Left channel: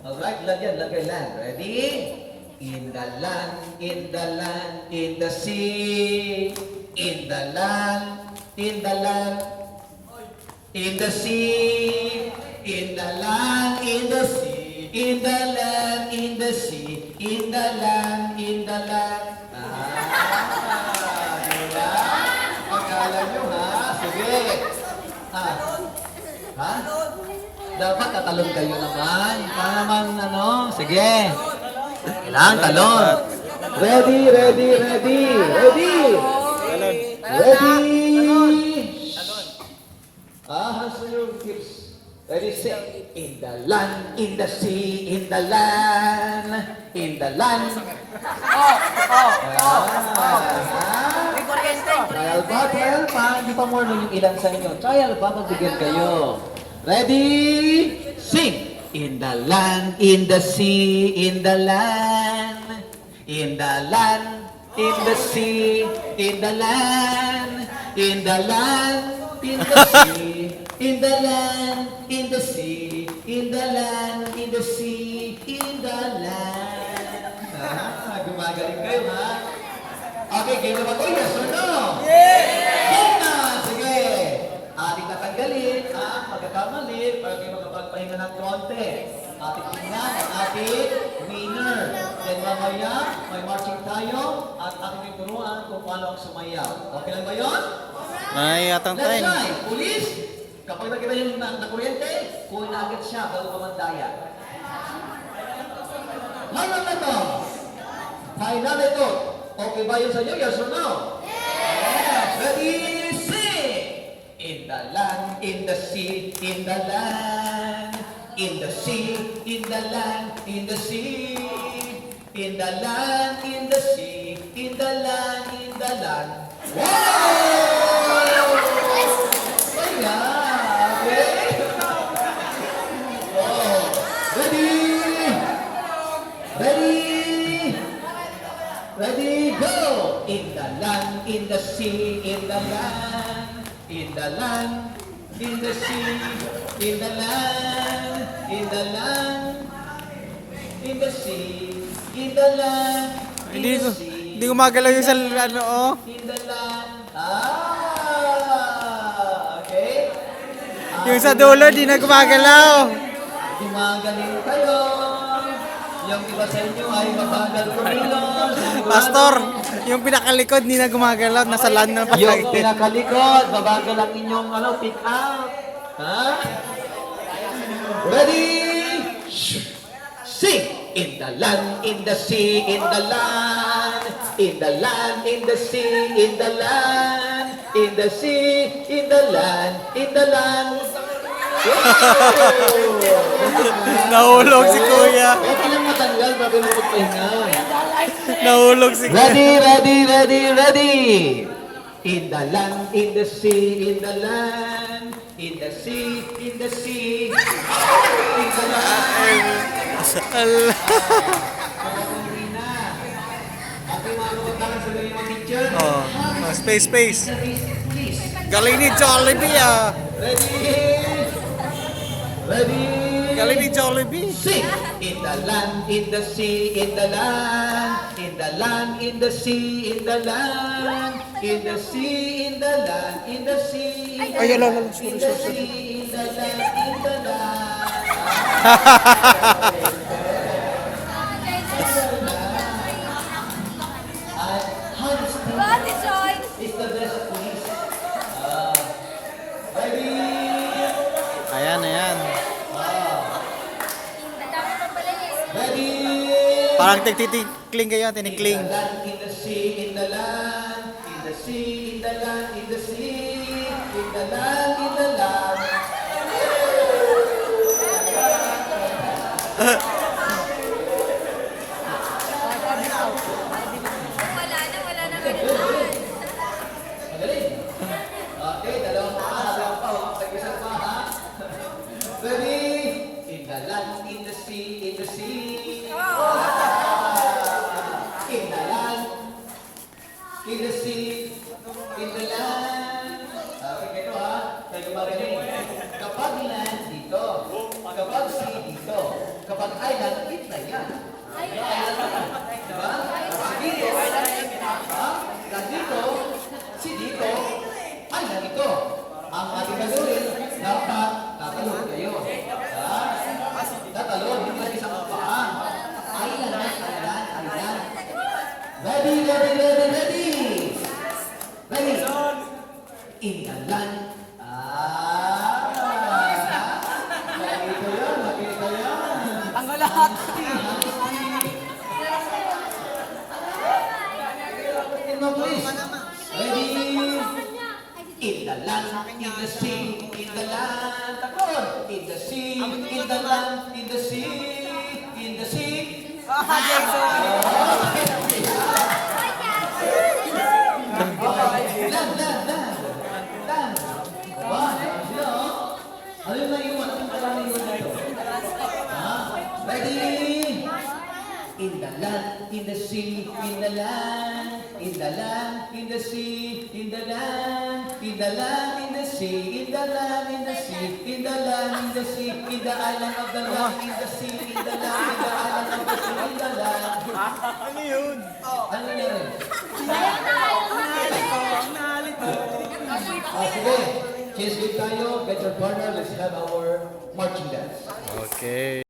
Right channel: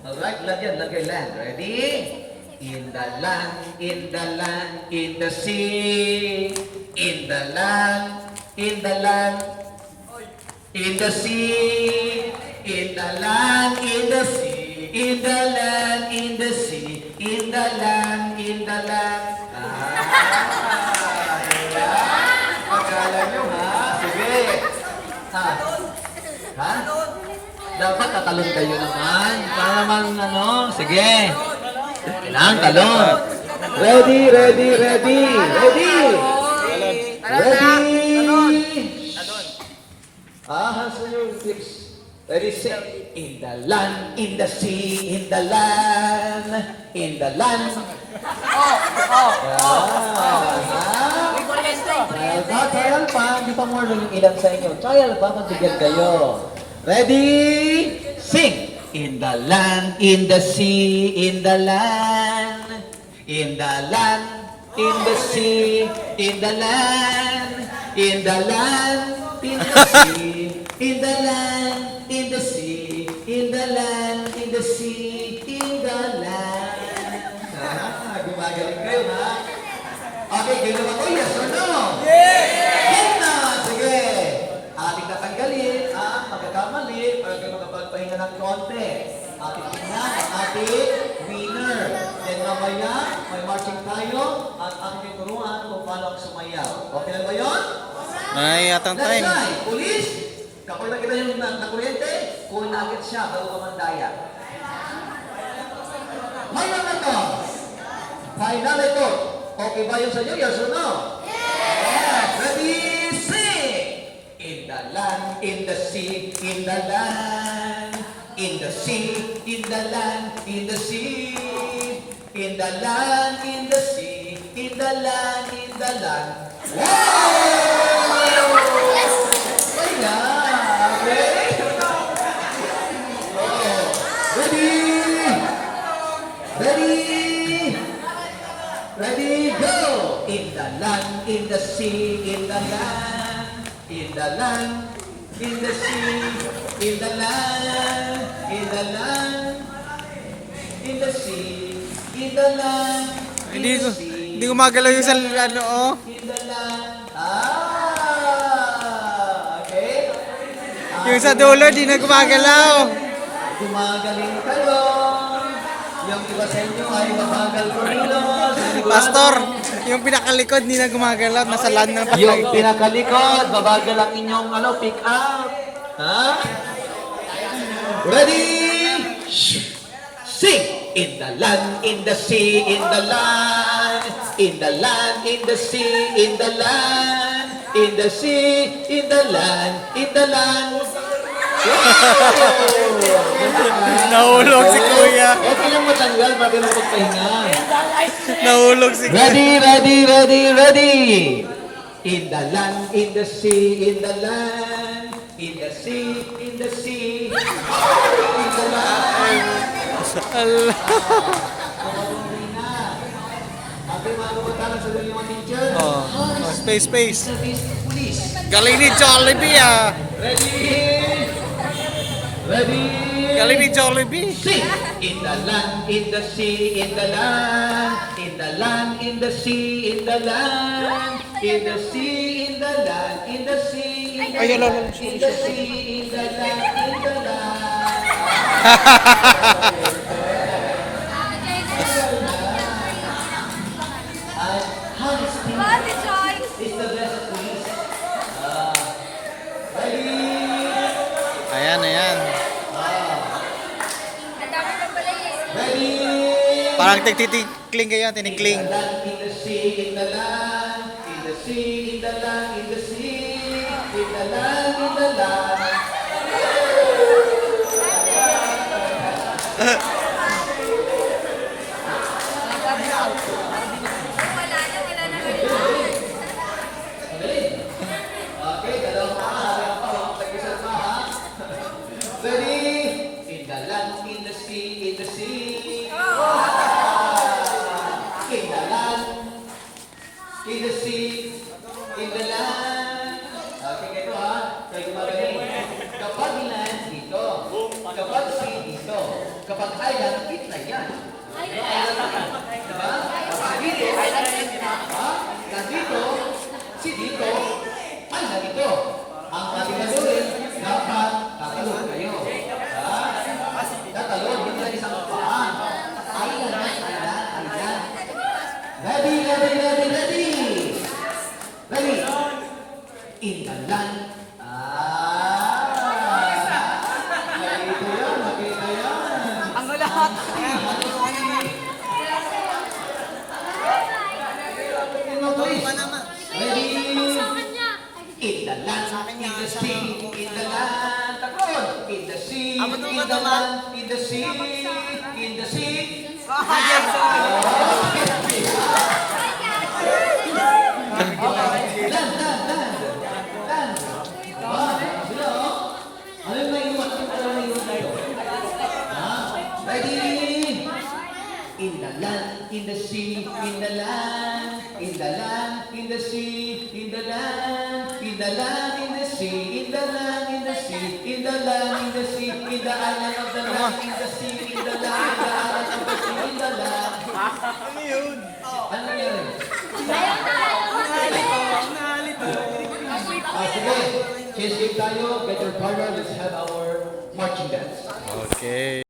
Alright, lagyan land. Ready? In the land, in the land, in the sea. In the land, in the land, in the sea. In the land, in the sea. In the land, in the sea. In the land, in the land. Diba? Akala nyo ha? Sige. Ha? Ha? Dapat tatalon kayo naman. Para naman ano. Sige. Kailangan talon. Ready, ready, ready. Ready. Ready. So your tips. Ready, set. In the land, in the sea, in the land, in the land. Trial pa. Hindi pa more than yung ilan sa inyo. Trial pa, pagbigyan kayo. Ready? Sing! In the land, in the sea, in the land, in the land, in the sea, in the land, in the land, in the sea, in the land, in the sea, in the land, in the sea, in the land. Gumagaling kayo, ha? Okay, gano'n ako, yes or no? Yes! Sige! Ating natanggalin, magkakamali, para kayo makapagpahinga ng konti. Ating tingnan ang ating winner. Then mamaya, may marching tayo, at ating yung turuan kung paano ang sumayaw. Okay na ba yun? May atang time. Let's try. Police, kapag nakita yung nakuryente, kunin agad siya bago pamandaya. Mayroon na to. Final ito. Okay ba yun sa inyo? Yes or no? Yes! Ready? Sing! In the land, in the sea, in the land, in the sea, in the land, in the sea, in the land, in the sea, in the land, in the land. Wow! Ayan! Okay? Ready? Ready? Ready, go! In the land, in the sea, in the land, in the land, in the sea, in the land, in the land, in the sea, in the land, in the sea. Hindi gumagalaw yung sa ano, oh. In the land. Okay? Yung sa dulo, di na gumagalaw. Gumagaling kayo. Yung iba sa inyo ay mabagal ko nilo. Pastor, yung pinakalikod, di na gumagalaw. Nasa land na patay. Yung pinakalikod, mabagal ang inyong pick up. Ha? Ready? Sing! In the land, in the sea, in the land, in the land, in the sea, in the land, in the sea, in the land, in the land. Nahulog si Kuya. Okay lang matanggal bago na magpahinga. Nahulog si Kuya. Ready, ready, ready, ready. In the land, in the sea, in the land, in the sea, in the sea, in the land. Allah. Oh, space. Galing ni Jollibee, ah. Ready? Ready? Galing ni Jollibee. Sing! In the land, in the sea, in the land, in the land, in the sea, in the land, in the sea, in the land, in the sea, in the land, in the sea, in the land, in the land. Hans is the best police. Ready? Ayan. Ready? Parang tinikling kayo, tinikling. In the land, in the sea, in the land, in the sea, in the land, in the sea, in the land, in the land. Wala na ganun. Okay, dalawang pakasalang pa. Pag-isap pa, ha? Ready? In the land, in the sea, in the sea. In the land, in the sea, in the land. Okay, ganito ha. Kaya gumagaling. Kapag land, dito. Kapag sea, dito. Kapag Kapag island, gitna yan. Diba? Kapag gilid, nandito, si dito, ay nandito. Ang nakigalurin, dapat tatalon kayo. Tatalon, hindi na isang paan. Island. Ready, ready, ready, ready. Ready. In the land. Nakita yan. Ang lahat. Ready? In the land, in the sea, in the land. Takot! In the sea, in the land, in the sea, in the sea. Dan. Wah, sila oh. Ano yung naiwan? Ano yung naiwan dito? Ready? In the land, in the sea, in the land, in the land, in the sea, in the land, in the land, in the sea, in the land, in the sea, in the land, in the sea, in the island of the land, in the sea, in the land, in the island of the sea, in the land. Ano yun? Ano yun? Nalito. Sige, change tayo, get your partner, let's have our marching dance. Okay.